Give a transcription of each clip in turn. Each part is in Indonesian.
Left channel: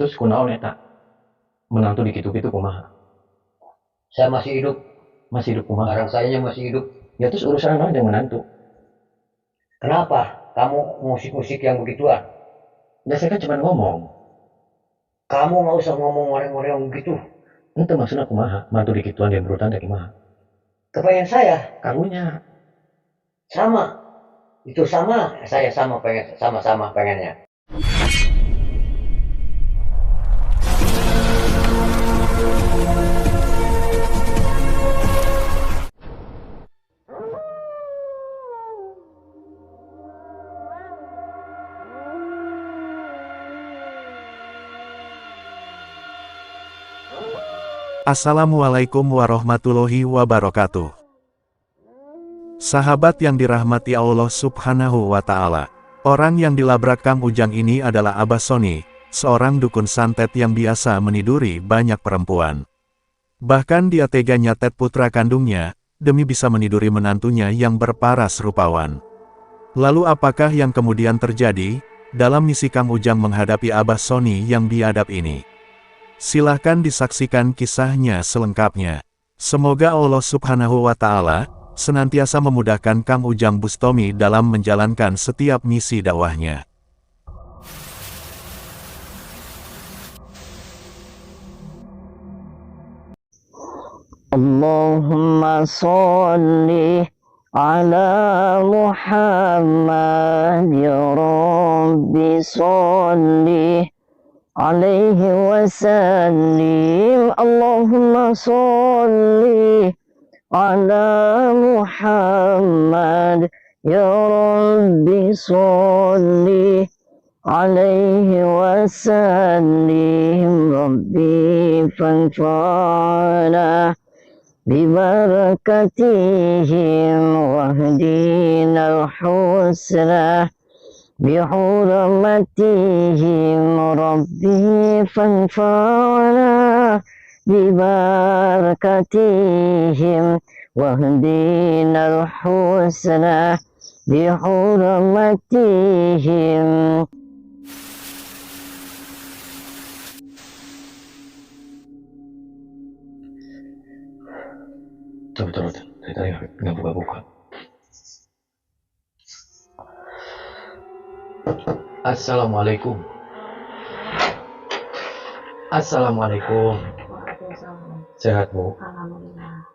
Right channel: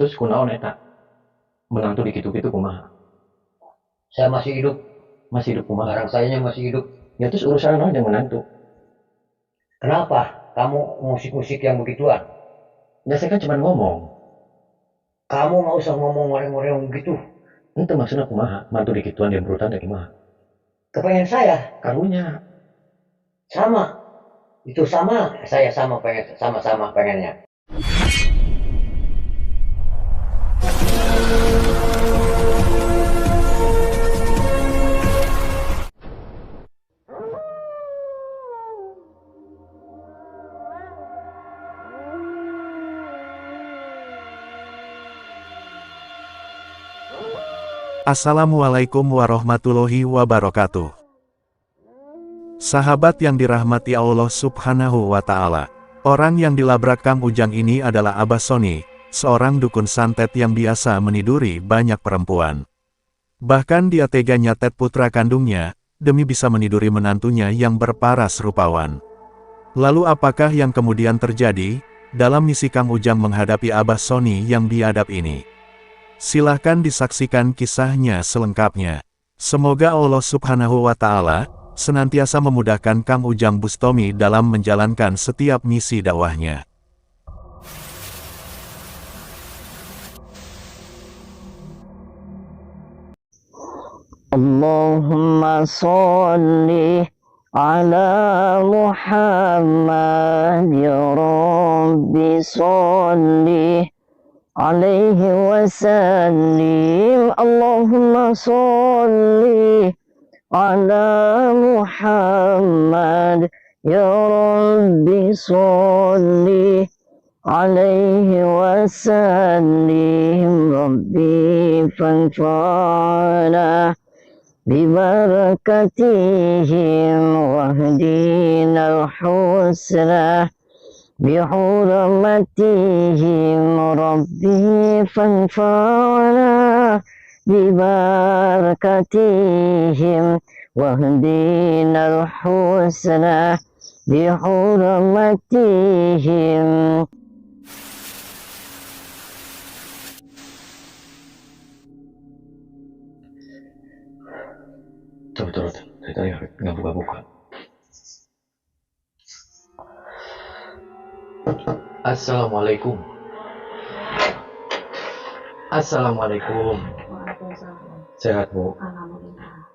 Terus kunaon eta? Menantu dikitu-kitu kumaha? Saya masih hidup, Masih hidup kumaha? barang sayanya masih hidup. Ya terus urusan naon jeung menantu? Kenapa kamu musik-musik yang begituan? Ya saya kan cuma ngomong. Kamu nggak usah ngomong ngoreng-ngoreng begitu. Ente maksudna kumaha? Mantu dikituan dia berutan teh kumaha? Kepengen saya Karunya. sama, itu sama, saya sama pengen, sama-sama pengennya. Assalamualaikum warahmatullahi wabarakatuh. Sahabat yang dirahmati Allah Subhanahu wa Ta'ala, orang yang dilabrak Kang Ujang ini adalah Abah Sony, seorang dukun santet yang biasa meniduri banyak perempuan. Bahkan dia tega nyatet putra kandungnya, demi bisa meniduri menantunya yang berparas rupawan. Lalu apakah yang kemudian terjadi, dalam misi Kang Ujang menghadapi Abah Sony yang biadab ini? Silahkan disaksikan kisahnya selengkapnya. Semoga Allah Subhanahu wa Ta'ala senantiasa memudahkan Kang Ujang Bustomi dalam menjalankan setiap misi dakwahnya. Allahumma sholli ala Muhammad ya Rabbi sholli alaihi wasallim. Allahumma sholli ala Muhammad ya Rabbi sholli alaihi wasallim. Rabbi fanfa'na bibarakatihim wahdina al-husna بحرمتهم ربي فانفعنا ببركتهم واهدنا الحسنى بحرمتهم. Coba turut. Dari tadi nggak buka-buka. Assalamualaikum. Assalamualaikum. Sehat Bu?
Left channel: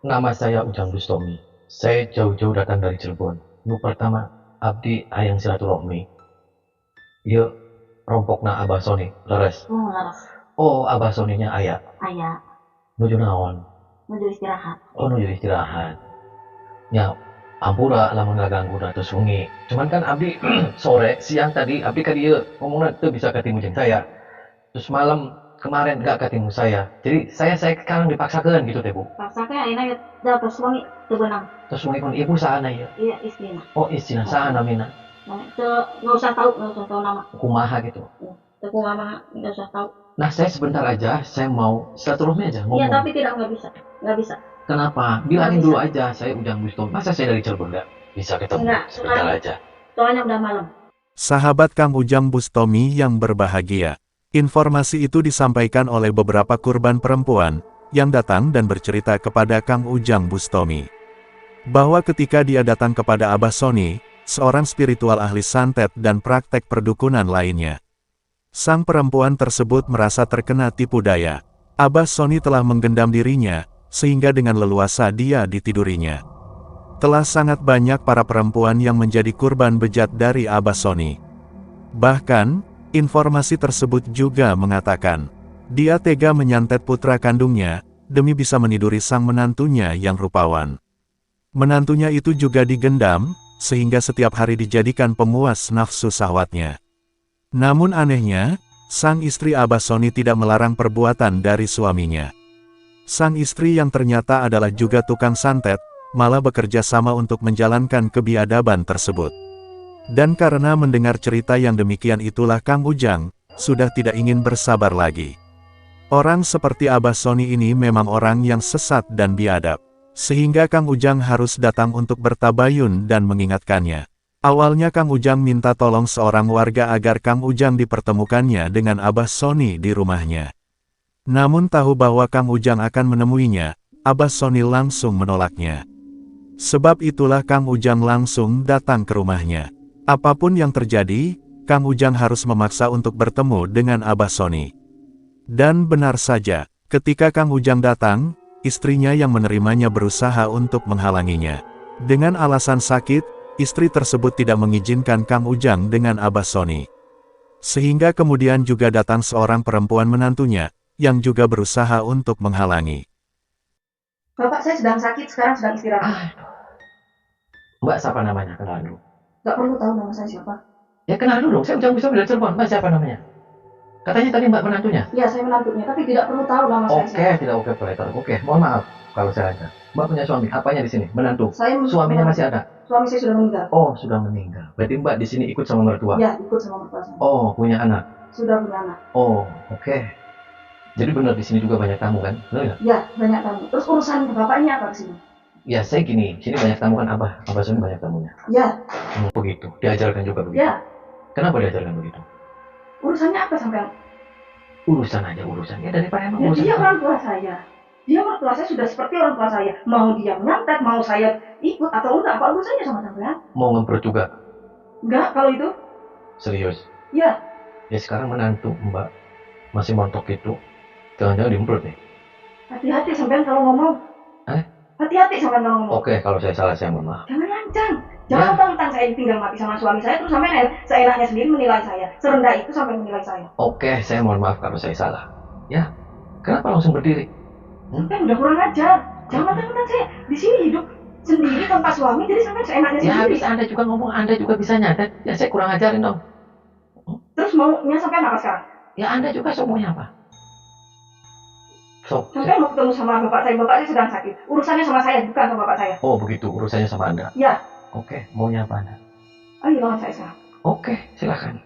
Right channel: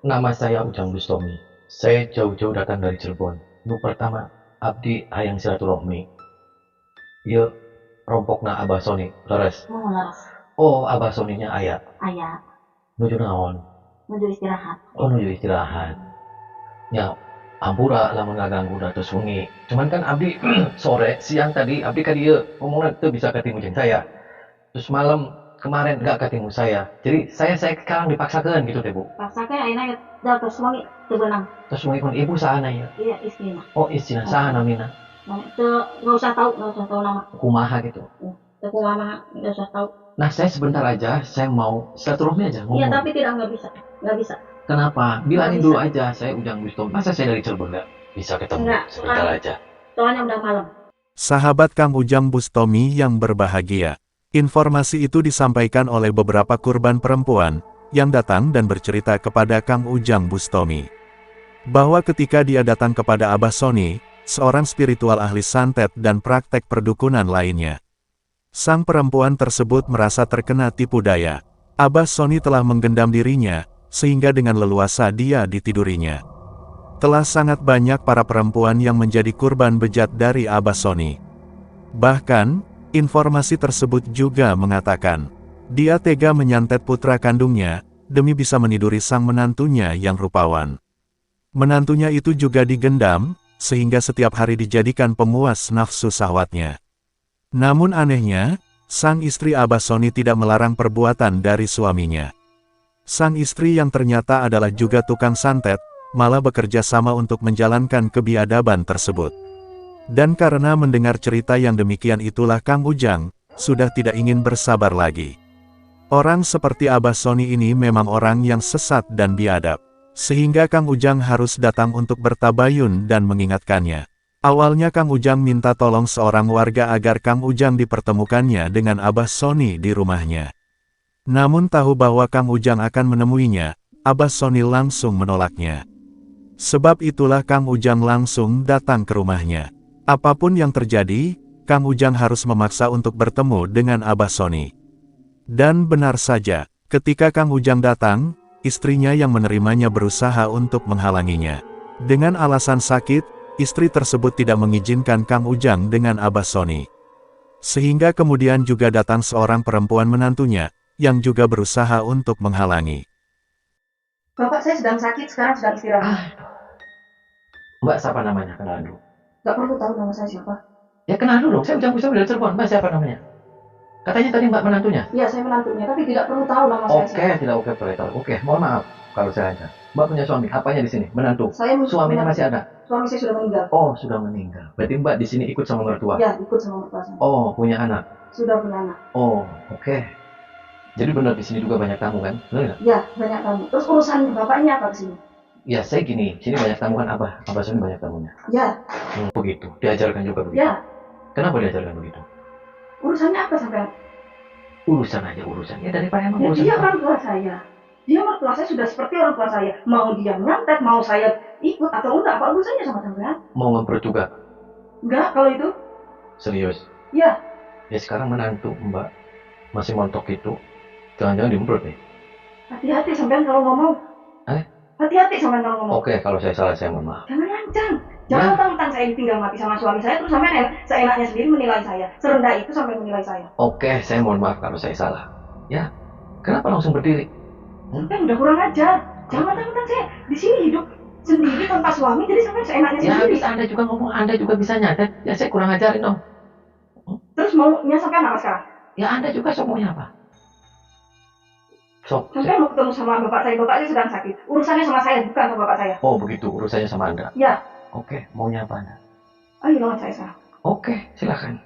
Nama saya Ujang Bustomi. Saya jauh-jauh datang dari Cirebon. Nu pertama, abdi hayang silaturahmi. Ieu rompokna Abah Sony, leres. Laras. Oh, Abah Soninya aya. Aya. Nuju naon? Menuju istirahat. Oh, nuju istirahat. Ya, ampura lamun ngaganggu da terus wengi. Cuman kan abdi sore, siang tadi abdi ka dieu ngomongna teu bisa ketemu jeung saya. Terus malam kemarin enggak ketemu saya. Jadi saya sekarang dipaksakeun gitu teh Bu. Paksa ke ayeuna da tos wangi teu beunang. Terus wengi kun ibu saana ieu? Iya istrina. Oh, istrina saha namina? Teu enggak usah tahu nama. Kumaha gitu. Teu kumaha enggak usah tahu. Nah, saya sebentar aja, saya mau silaturahmi aja ngomong. Iya, tapi enggak bisa. Enggak bisa. Kenapa? Bilangin dulu aja, saya Ujang Bustomi. Masa saya dari Cirebon enggak bisa ketemu? Enggak, Sebentar sekarang. aja. Soalnya udah malam. Sahabat Kang Ujang Bustomi yang berbahagia, informasi itu disampaikan oleh beberapa korban perempuan yang datang dan bercerita kepada Kang Ujang Bustomi bahwa ketika dia datang kepada Abah Sony, seorang spiritual ahli santet dan praktek perdukunan lainnya, sang perempuan tersebut merasa terkena tipu daya. Abah Sony telah menggendam dirinya, sehingga dengan leluasa dia ditidurinya. Telah sangat banyak para perempuan yang menjadi kurban bejat dari Abah Sony. Bahkan, informasi tersebut juga mengatakan, dia tega menyantet putra kandungnya, demi bisa meniduri sang menantunya yang rupawan. Menantunya itu juga digendam, sehingga setiap hari dijadikan pemuas nafsu syahwatnya. Namun anehnya, sang istri Abah Sony tidak melarang perbuatan dari suaminya. Sang istri yang ternyata adalah juga tukang santet, malah bekerja sama untuk menjalankan kebiadaban tersebut. Dan karena mendengar cerita yang demikian itulah Kang Ujang sudah tidak ingin bersabar lagi. Orang seperti Abah Sony ini memang orang yang sesat dan biadab, sehingga Kang Ujang harus datang untuk bertabayun dan mengingatkannya. Awalnya Kang Ujang minta tolong seorang warga agar Kang Ujang dipertemukannya dengan Abah Sony di rumahnya. Namun tahu bahwa Kang Ujang akan menemuinya, Abah Sony langsung menolaknya. Sebab itulah Kang Ujang langsung datang ke rumahnya. Apapun yang terjadi, Kang Ujang harus memaksa untuk bertemu dengan Abah Sony. Dan benar saja, ketika Kang Ujang datang, istrinya yang menerimanya berusaha untuk menghalanginya. Dengan alasan sakit, istri tersebut tidak mengizinkan Kang Ujang dengan Abah Sony. Sehingga kemudian juga datang seorang perempuan menantunya, yang juga berusaha untuk menghalangi. Bapak saya sedang sakit, sekarang sedang istirahat. Mbak siapa namanya? Kenalan dulu. Gak perlu tahu nama saya siapa. Ya kenal dulu dong, saya Ujang Bustomi dari Cirebon. Mbak siapa namanya? Katanya tadi Mbak menantunya. Iya, saya menantunya, tapi tidak perlu tahu nama saya siapa. Oke, tidak oke boleh tahu. Oke, mohon maaf kalau saya lancar. Mbak punya suami, apanya di sini? Menantu. Suaminya masih ada? Suami saya sudah meninggal. Oh, sudah meninggal. Berarti Mbak di sini ikut sama mertua? Ya, ikut sama mertua saya. Oh, punya anak? Sudah punya anak. Oh, oke. Jadi benar di sini juga banyak tamu kan? Benar nggak? Ya, banyak tamu. Terus urusan bapak ini apa ke sini? Ya, saya gini, sini banyak tamu kan Abah Sony banyak tamunya. Ya. Begitu. Diajarkan juga begitu. Ya. Kenapa diajarkan begitu? Urusannya apa sampai? Urusan aja urusan. Ya daripada emang Ya, urusan. dia orang tua saya. Dia mertua saya sudah seperti orang tua saya. Mau dia menyantet, mau saya ikut atau enggak, apa urusannya sama sampean? Mau ngemprut juga? Enggak, kalau itu. Serius? Ya. Ya sekarang menantu Mbak masih montok itu. Jangan-jangan dimprut nih. Hati-hati sampean kalau ngomong. Hati-hati sampean kalau ngomong. Oke, kalau saya salah saya mohon maaf. Jangan lancang. Jangan mentang-mentang saya ditinggal mati sama suami saya, terus sampean seenaknya sendiri menilai saya. Serendah itu sampai menilai saya. Oke, saya mohon maaf kalau saya salah. Ya, kenapa langsung berdiri? Sampean udah kurang ajar. Jangan mentang-mentang saya di sini hidup sendiri tanpa suami, jadi sampean seenaknya Ya sendiri. habis Anda juga ngomong, Anda juga bisa nyatet. Ya saya kurang ajarin dong. Terus maunya sampean apa sekarang? Ya Anda juga sok maunya apa? Sampean mau ketemu sama bapak saya sedang sakit. Urusannya sama saya, bukan sama bapak saya. Oh begitu, urusannya sama Anda? Ya. Oke, maunya apa Anda? Ayo lawan saya sekarang. Oke, silakan.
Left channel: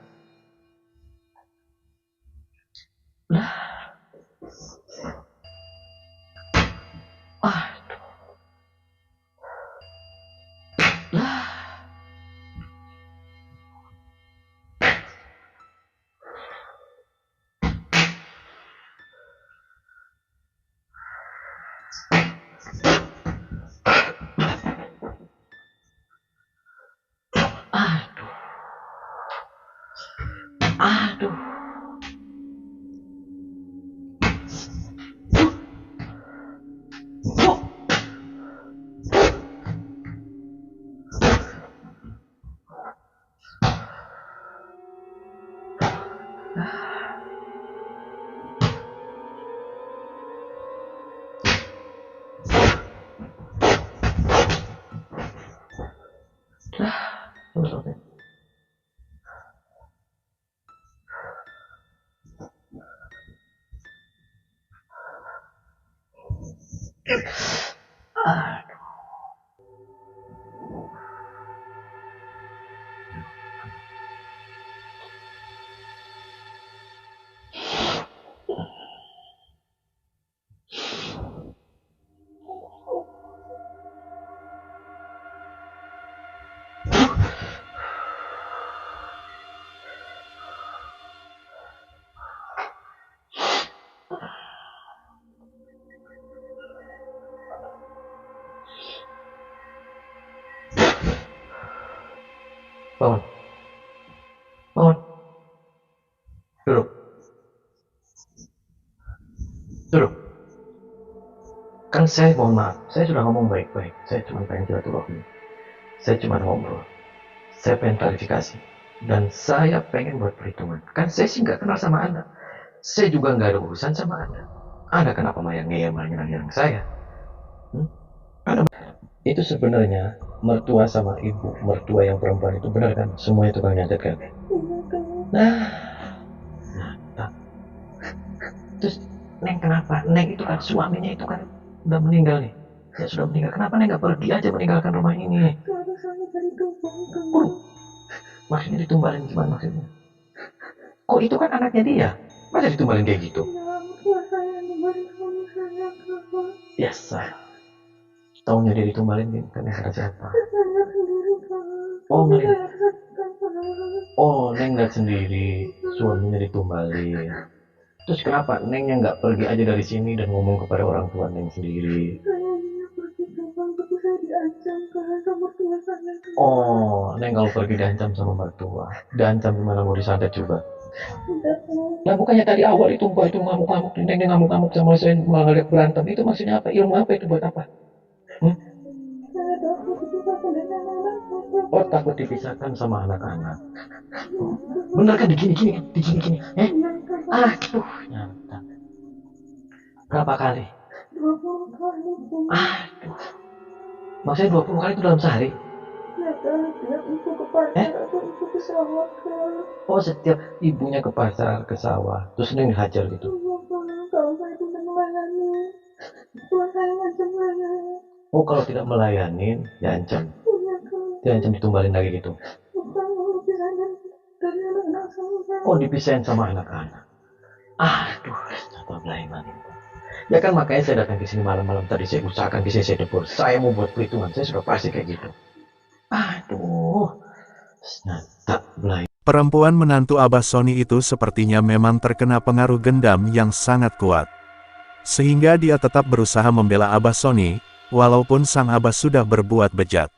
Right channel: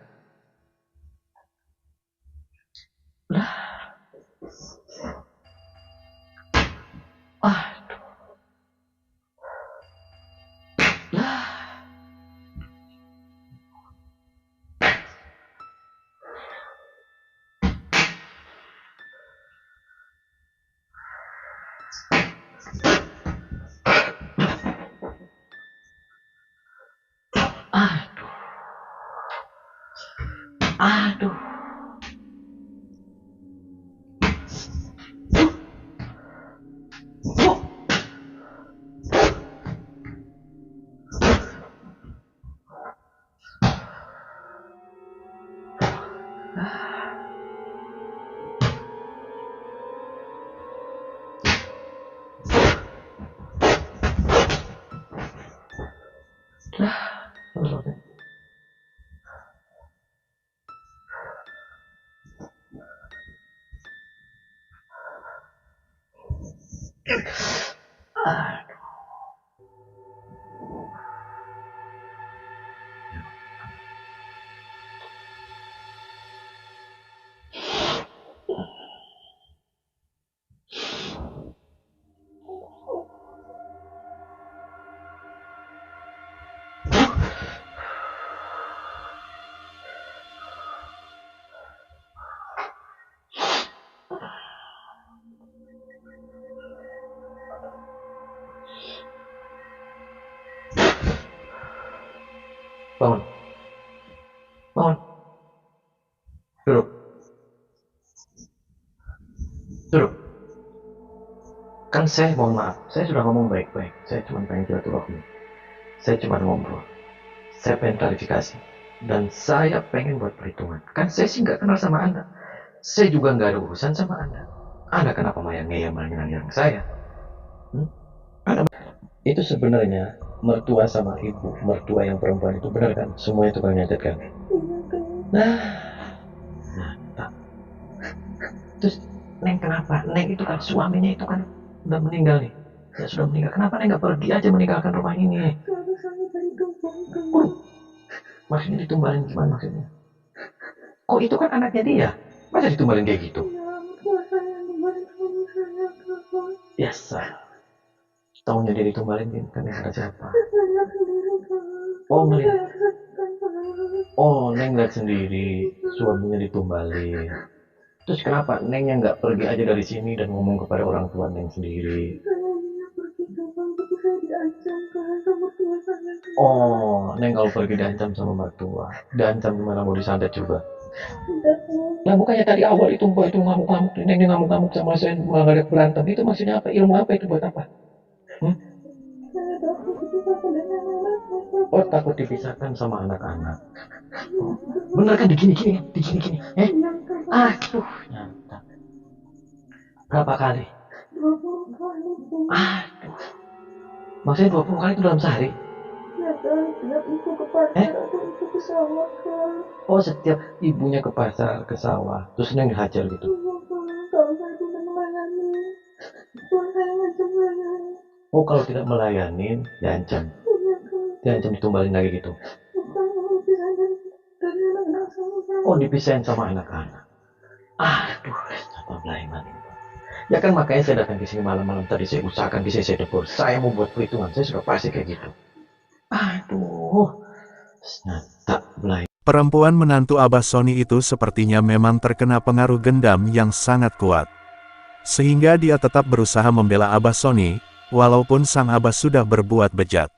Lah. Aduh. Lah. Aduh. Aduh. Bangun. Bangun. Duduk. Duduk. Kan saya mohon maaf, saya sudah ngomong baik-baik. Saya cuma pengen silaturahmi. Saya cuma ngobrol. Saya pengen klarifikasi. Dan saya pengen buat perhitungan. Kan saya sih nggak kenal sama Anda. Saya juga nggak ada urusan sama Anda. Anda kenapa malah ngeyel nyerang saya? Anda... Itu sebenarnya mertua sama ibu mertua yang perempuan itu benar kan? Semuanya tukang nyantet kan? Nah, terus Neng kenapa? Neng itu kan suaminya itu kan udah meninggal nih. Ya sudah meninggal. Kenapa Neng nggak pergi aja meninggalkan rumah ini? Maksudnya ditumbalin gimana maksudnya? Kok itu kan anaknya dia? Masa ditumbalin kayak gitu? Biasa. Taunya dia ditumbalin kan yang ada siapa? Oh, ngeliat. Oh, Neng lihat sendiri suaminya ditumbalin. Terus kenapa Nengnya nggak pergi aja dari sini dan ngomong kepada orang tua Neng sendiri? Oh, Neng kalau pergi diancam sama mertua. Diancam gimana, mau disantet juga? Nah, bukannya tadi awal itu Mbak itu ngamuk-ngamuk, Neng ngamuk-ngamuk sama saya malah ngajak berantem. Itu maksudnya apa? Ilmu apa itu buat apa? Hmm? Oh, takut dipisahkan sama anak-anak. Bener kan digini-gini kan? Digini-gini. Aduh, nyata. Berapa kali? 20 kali. Aduh. Maksudnya 20 kali itu dalam sehari? Ya kan, tiap ibu ke pasar atau ibu ke sawah kan. Oh, setiap ibunya ke pasar, ke sawah, terus Neng dihajar gitu. Iya kan, kalau saya tidak melayani, Tuhan saya ngancam saya. Oh, kalau tidak melayanin, diancam. Iya kan. Diancam ditumbalin lagi gitu. Bukan dipisahin dari anak-anak saya. Oh, dipisahin sama anak-anak. Aduh, apa belaiman itu. Ya kan makanya saya datang ke sini malam-malam tadi, saya usahakan bisa saya debur. Saya mau buat perhitungan, saya sudah pasti kayak gitu. Aduh, nyata belaiman. Perempuan menantu Abah Sony itu sepertinya memang terkena pengaruh gendam yang sangat kuat. Sehingga dia tetap berusaha membela Abah Sony, walaupun sang Abah sudah berbuat bejat.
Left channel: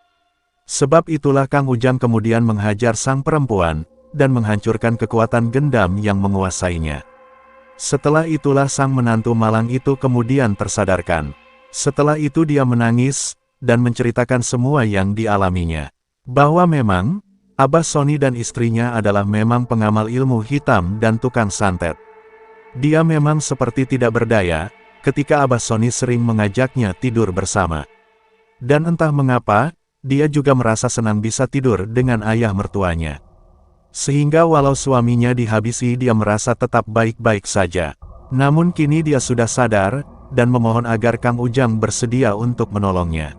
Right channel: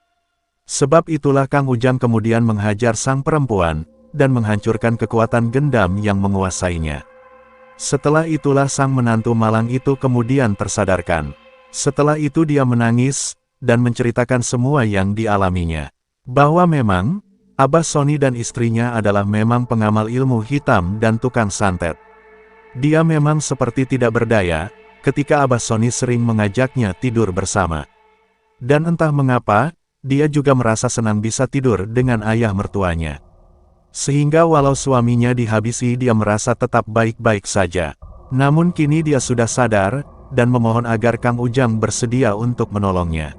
Sebab itulah Kang Ujang kemudian menghajar sang perempuan, dan menghancurkan kekuatan gendam yang menguasainya. Setelah itulah sang menantu malang itu kemudian tersadarkan. Setelah itu dia menangis, dan menceritakan semua yang dialaminya. Bahwa memang, Abah Sony dan istrinya adalah memang pengamal ilmu hitam dan tukang santet. Dia memang seperti tidak berdaya, ketika Abah Sony sering mengajaknya tidur bersama. Dan entah mengapa, dia juga merasa senang bisa tidur dengan ayah mertuanya. Sehingga walau suaminya dihabisi dia merasa tetap baik-baik saja. Namun kini dia sudah sadar, dan memohon agar Kang Ujang bersedia untuk menolongnya.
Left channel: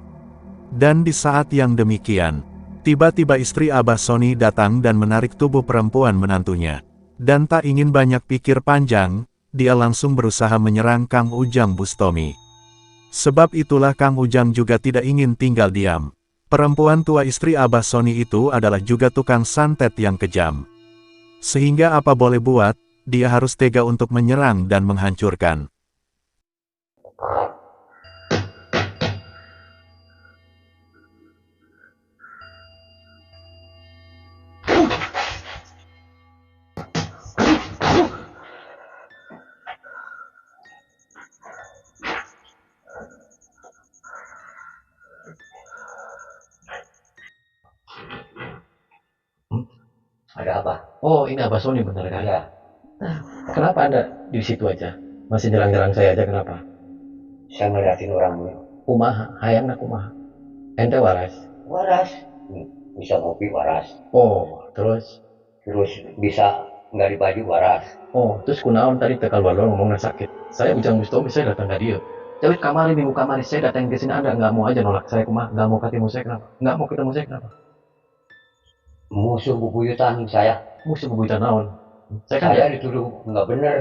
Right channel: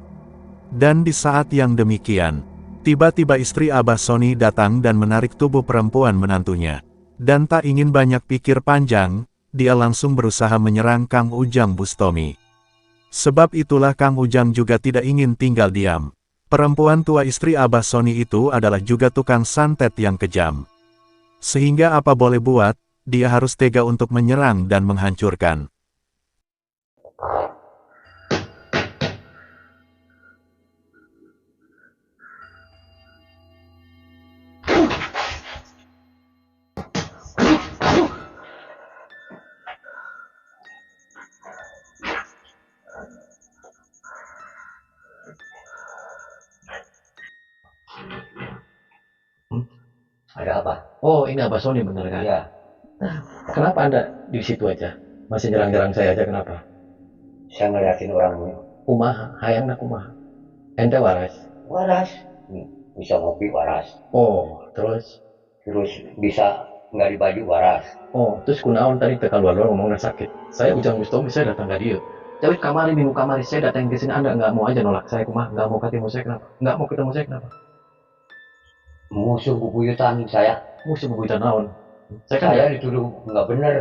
Dan di saat yang demikian, tiba-tiba istri Abah Sony datang dan menarik tubuh perempuan menantunya. Dan tak ingin banyak pikir panjang, dia langsung berusaha menyerang Kang Ujang Bustomi. Sebab itulah Kang Ujang juga tidak ingin tinggal diam. Perempuan tua istri Abah Sony itu adalah juga tukang santet yang kejam. Sehingga apa boleh buat, dia harus tega untuk menyerang dan menghancurkan. Ada apa? Oh, ini Abah Sony bener kan? Ya, Kenapa Anda di situ aja? Masih nyerang-nyerang saya aja, kenapa? saya ngeliatin orangmu. Kumaha, hayangna kumaha. Ente waras. Waras. Bisa ngopi waras. Oh, terus? Terus bisa nggak di baju waras. Oh, terus kunaon tadi tekal walor ngomongnya sakit. Saya Ujang Bustomi, saya datang ke dia. Cawit kamari, minggu kamari, saya datang ke sini, Anda nggak mau aja nolak saya, kumaha? Nggak mau ketemu saya, kenapa? Nggak mau ketemu saya, kenapa? Musuh bubuyutan saya. Musuh bebuyutan naon. Saya dituduh nggak bener.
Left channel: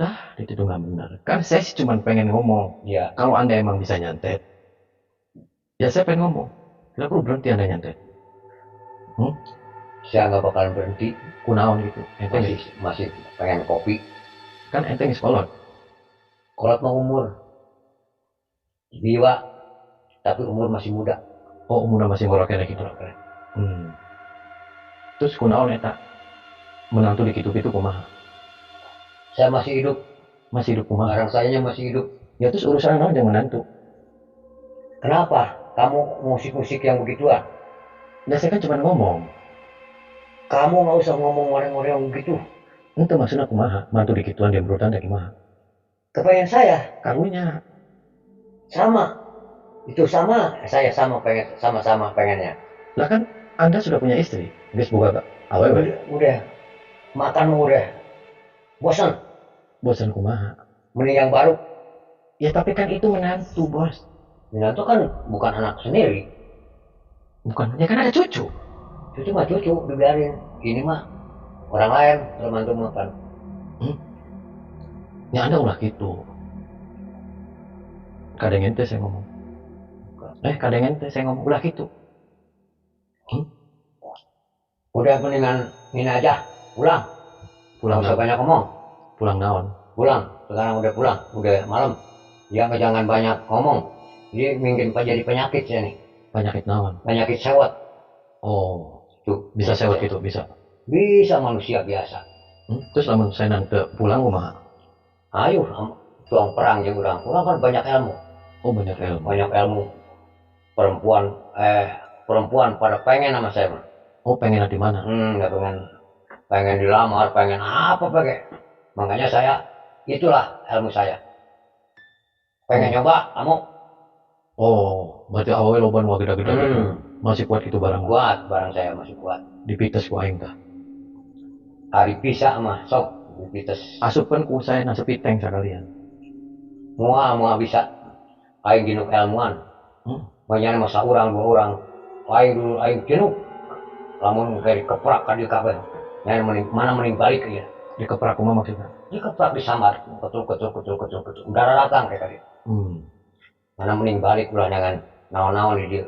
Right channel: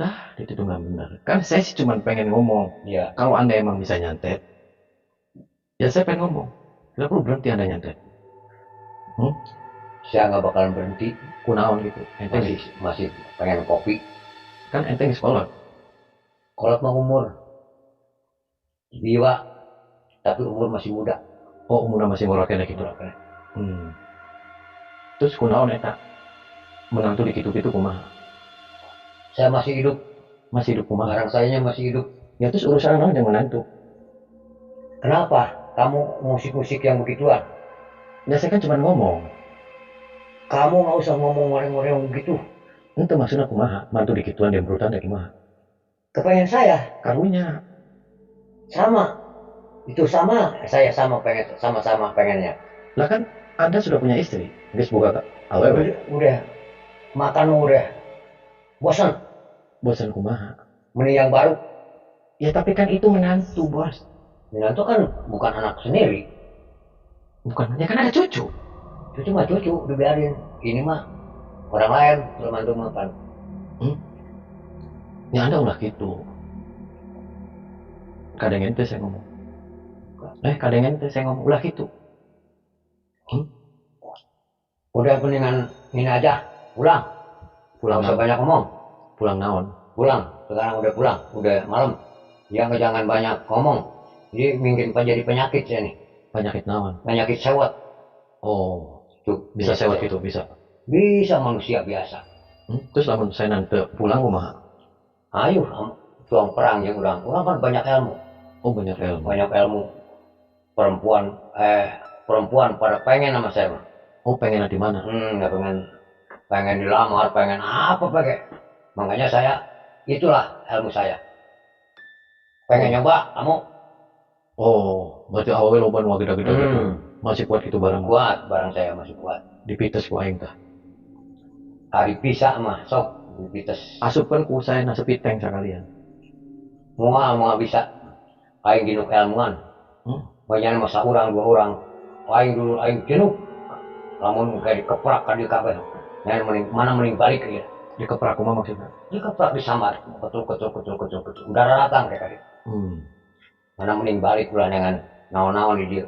Lah, itu nggak benar. Kan saya sih cuma pengen ngomong. Ya, Kalau Anda emang bisa nyantet, ya saya pengen ngomong. Tidak perlu berhenti Anda nyantet. saya nggak bakalan berhenti. Kunaon gitu. Ente Masih pengen kopi. kan ente nggak sekolah. Kolot mau umur. Biwa, tapi umur masih muda. Oh, umurnya masih ngorokin gitu. Terus kunaon eta menantu di kitu-kitu kumaha? Saya masih hidup. Masih hidup kumaha? Barang sayanya masih hidup. Ya terus urusan naon jangan menantu. Kenapa kamu musik-musik yang begituan? Ya saya kan cuma ngomong. Kamu nggak usah ngomong ngoreng-ngoreng begitu. Itu maksudnya kumaha? Mantu di kituan dia berutan deh kumaha? Kepengen saya Karunya. sama. Itu sama. Saya sama pengen, sama-sama pengennya. Lah kan Anda sudah punya istri. Geus boga awewe. Udah makan udah bosan. Bosan kumaha? Mending yang baru. Ya tapi kan itu menantu, Bos. Menantu kan bukan anak sendiri. Bukan, ya kan ada cucu. Cucu mah cucu, dibiarin. Ini mah orang lain, menantu mah kan. Ya Anda ulah gitu. Kadang ente saya ngomong. Kadang ente saya ngomong ulah gitu. Udah mendingan ini aja, pulang. Pulang Nggak usah naon? banyak ngomong. Pulang naon? Pulang. Sekarang udah pulang, udah malam. Jangan banyak ngomong. Jadi mungkin jadi penyakit ya nih. Penyakit naon? Penyakit sewot. Oh, Tuh, bisa penyakit sewot gitu, bisa. Bisa manusia biasa. Terus lamun saya nanti pulang kumaha? Ayo, tuang perang ya kurang. Kurang kan banyak ilmu. Oh, banyak ilmu. Banyak ilmu. Perempuan pada pengen sama saya. Oh, pengen di mana? Nggak pengen dilamar, pengen apa pakai. Makanya saya, itulah ilmu saya. Pengen nyoba, kamu? Oh, berarti awalnya loban wah gede-gede gitu. Masih kuat gitu barang. Kuat, barang saya masih kuat. Dipites ku aing tah. Hari bisa mah, sok dipites. Asupkan ku saya nasi piteng sekalian. Mua bisa. Aing ginuk ilmuan. Banyak masa orang, 2 orang. Aing dulu, aing ginuk. Lamun kayak dikeprak kan di kabel. Mana mending balik ya. Dikeprak kumaha maksudnya? Dikeprak disambar. Ketul. Udah datang kayak tadi. Mana mending balik ulah dengan naon-naon di dia.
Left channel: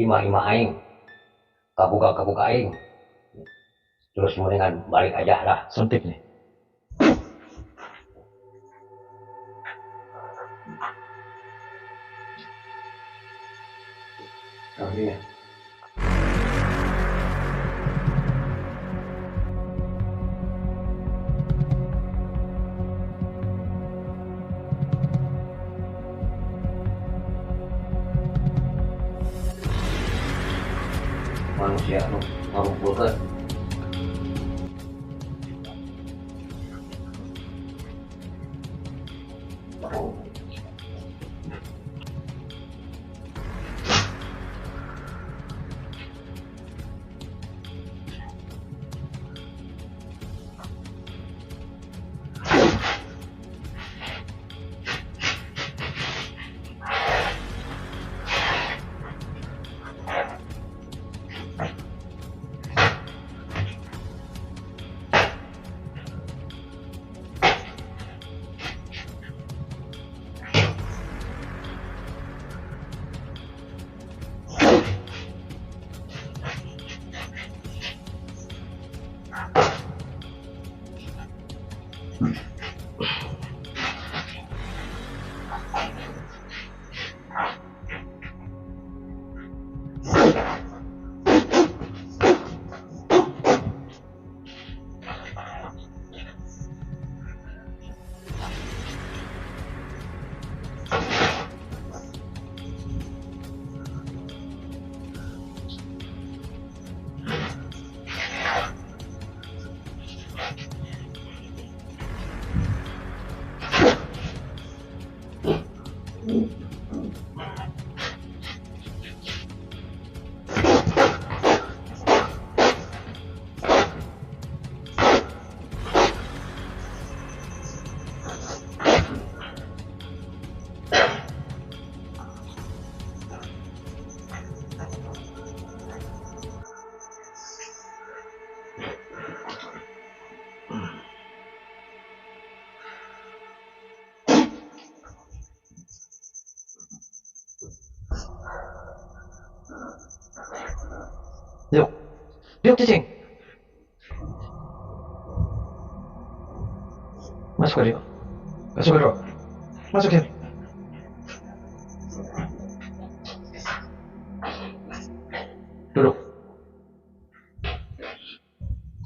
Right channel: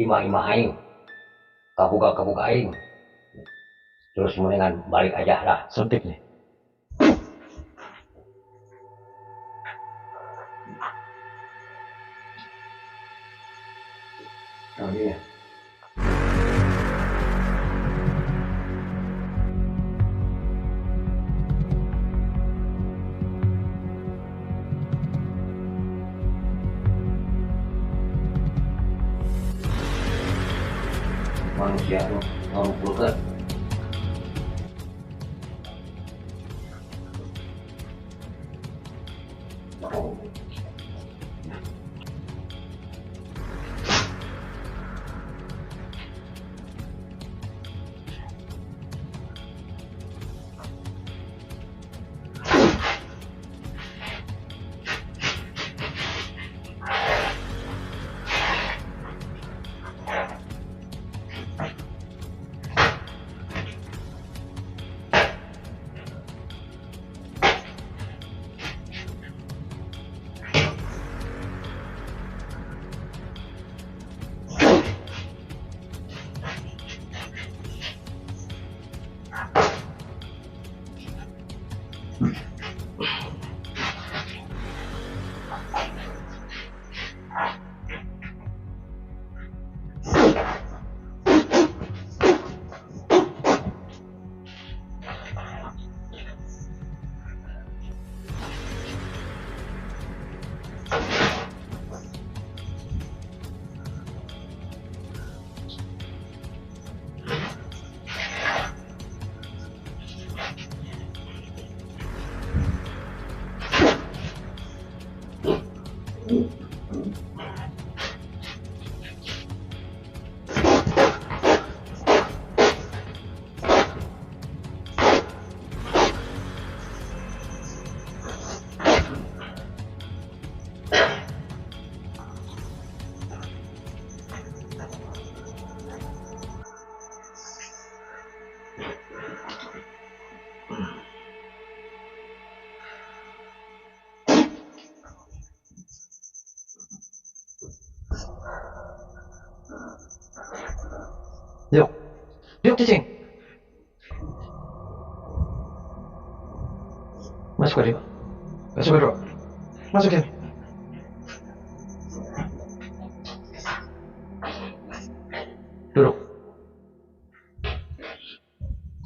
Ima aing. Kabuka aing. Terus mendingan balik aja lah. Sentik nih. Oh iya. Manusia nu ngarumpulkeun. Yuk cicing. Masuk ke dia. Masuk ke Dro. Masuk sini. Duduk.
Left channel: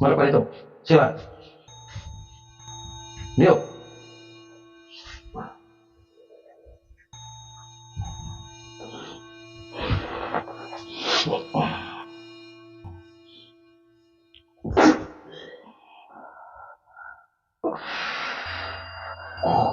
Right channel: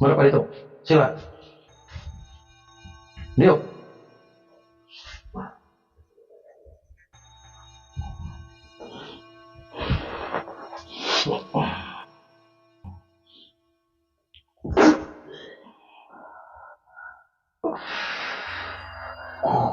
Mana Pak itu? Sila. Yuk. Oh.